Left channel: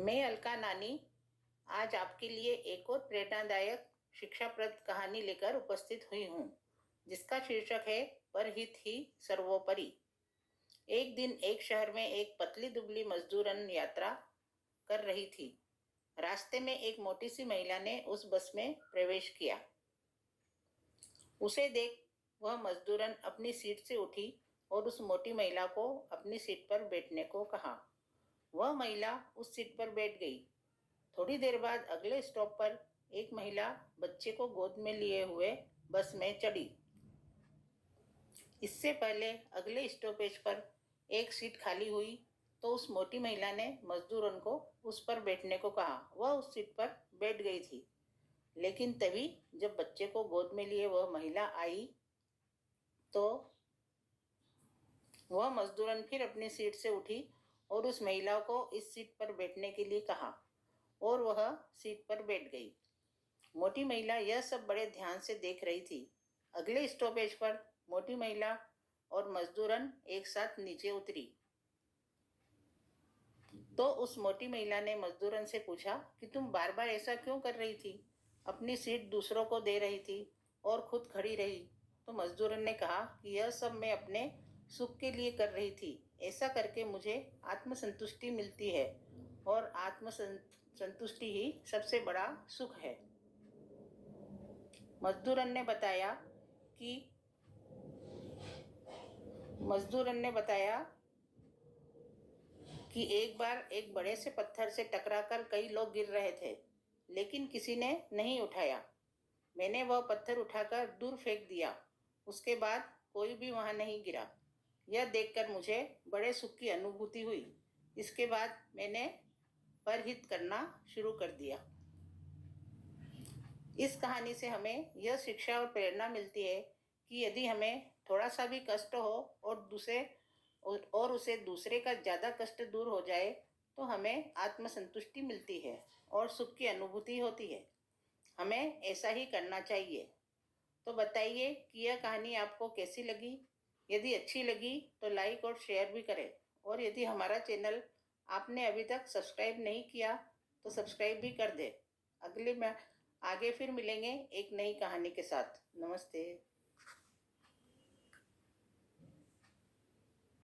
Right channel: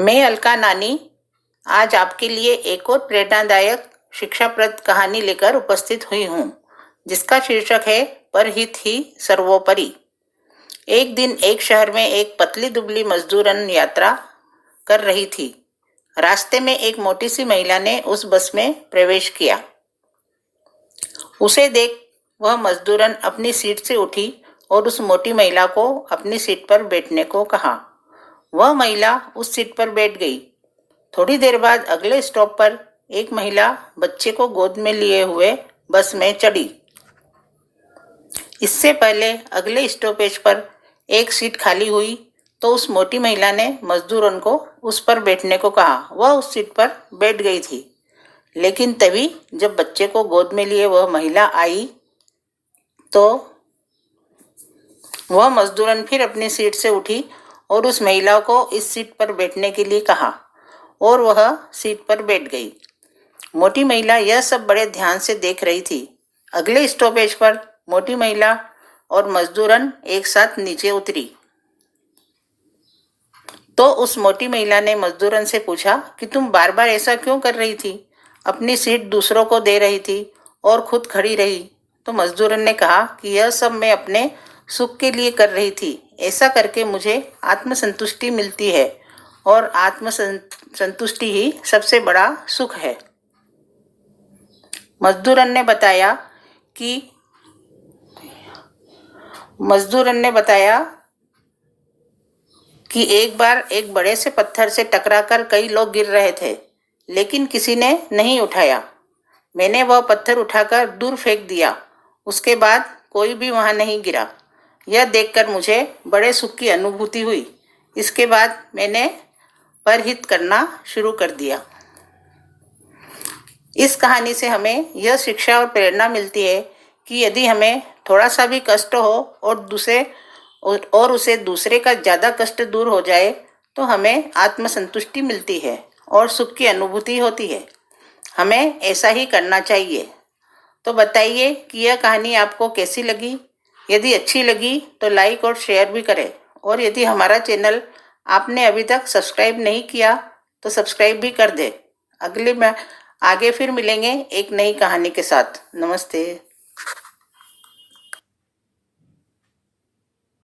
मैं अलका नानी आज आपके लिए एक और प्रेरणादायक शिक्षाप्रद कहानी लेकर उपस्थित हुई हूँ, जिसका शीर्षक है परहित ही सर्वोपरि। एक दिन एक शहर में एक पतली दुबली मजदूरन यात्रा कर रही थी। रास्ते में एक मोटी सी महिला ने उस बस में प्रवेश किया। उसे देख वह मजदूरन अपनी सीट से उठी और उस मोटी महिला को अपनी सीट पर बैठने को कहा। वह महिला उस सीट पर बैठ गई। थोड़ी देर बाद अगले स्टॉप पर एक महिला बच्चे को गोद में लिए हुए बस में चढ़ी। इससे पहले अगले स्टॉपेज पर एक सीट खाली हुई तो उस मोटी महिला ने मजदूरों को उस पर बैठने को कहा। वह उस सीट पर बैठ गई थी, लेकिन तभी जब बच्चे को गोद में लिए वह महिला आई तो वह मजदूरन फिर अपनी सीट से उठी और उस महिला को इस सीट पर बैठने के लिए कहा और वह सीट पर बैठ गई। मोटी महिला यह सब बड़े ध्यान से देख रही थी। अगले स्टॉपेज पर मोटी महिला और मजदूरन एक साथ नीचे उतरी तो उस मोटी महिला ने मजदूरन से पूछा कि तुम बार बार ऐसा क्यों कर रही थी? अपनी सीट दूसरों को दे रही थी और खुद खड़ी रही। तो मजदूरन ने कहा कि यह सब मैं अपने सुख के लिए कर रही थी। ऐसा करके मुझे आत्मसंतुष्टि मिलती है और आत्मसंतुष्टि ही सबसे बड़ा सुख है। मजदूरन ने बताया कि एक बार एक बड़े से पत्थर से टकराकर कई लोग गिर रहे थे, लेकिन किसी ने नहीं उठाया। मैंने वह पत्थर उठाकर दूर फेंक दिया। उसके बाद कोई भी वहां नहीं गिरा। यह देखकर मुझे बड़े सुख की अनुभूति हुई। इसके बाद मैंने परहित करना शुरू कर दिया। इस कहानी से हमें यह शिक्षा और प्रेरणा मिलती है कि यदि हमें थोड़ा सा भी कष्ट हो और उसे दूसरे का ज़्यादा कष्ट दूर हो जाए तो हमें आत्मसंतुष्टि मिलती है और सुख की अनुभूति होती है। हमें ऐसा ही करना चाहिए। तो बताइए कि यह कहानी आपको कैसी लगी। यदि अच्छी लगी तो लाइक और शेयर भी करें, और यदि हमारा चैनल आपने अभी तक सब्सक्राइब नहीं किया तो सब्सक्राइब भी कर दें। आगे फिर मिलेंगे एक नई कहानी के साथ। नमस्ते।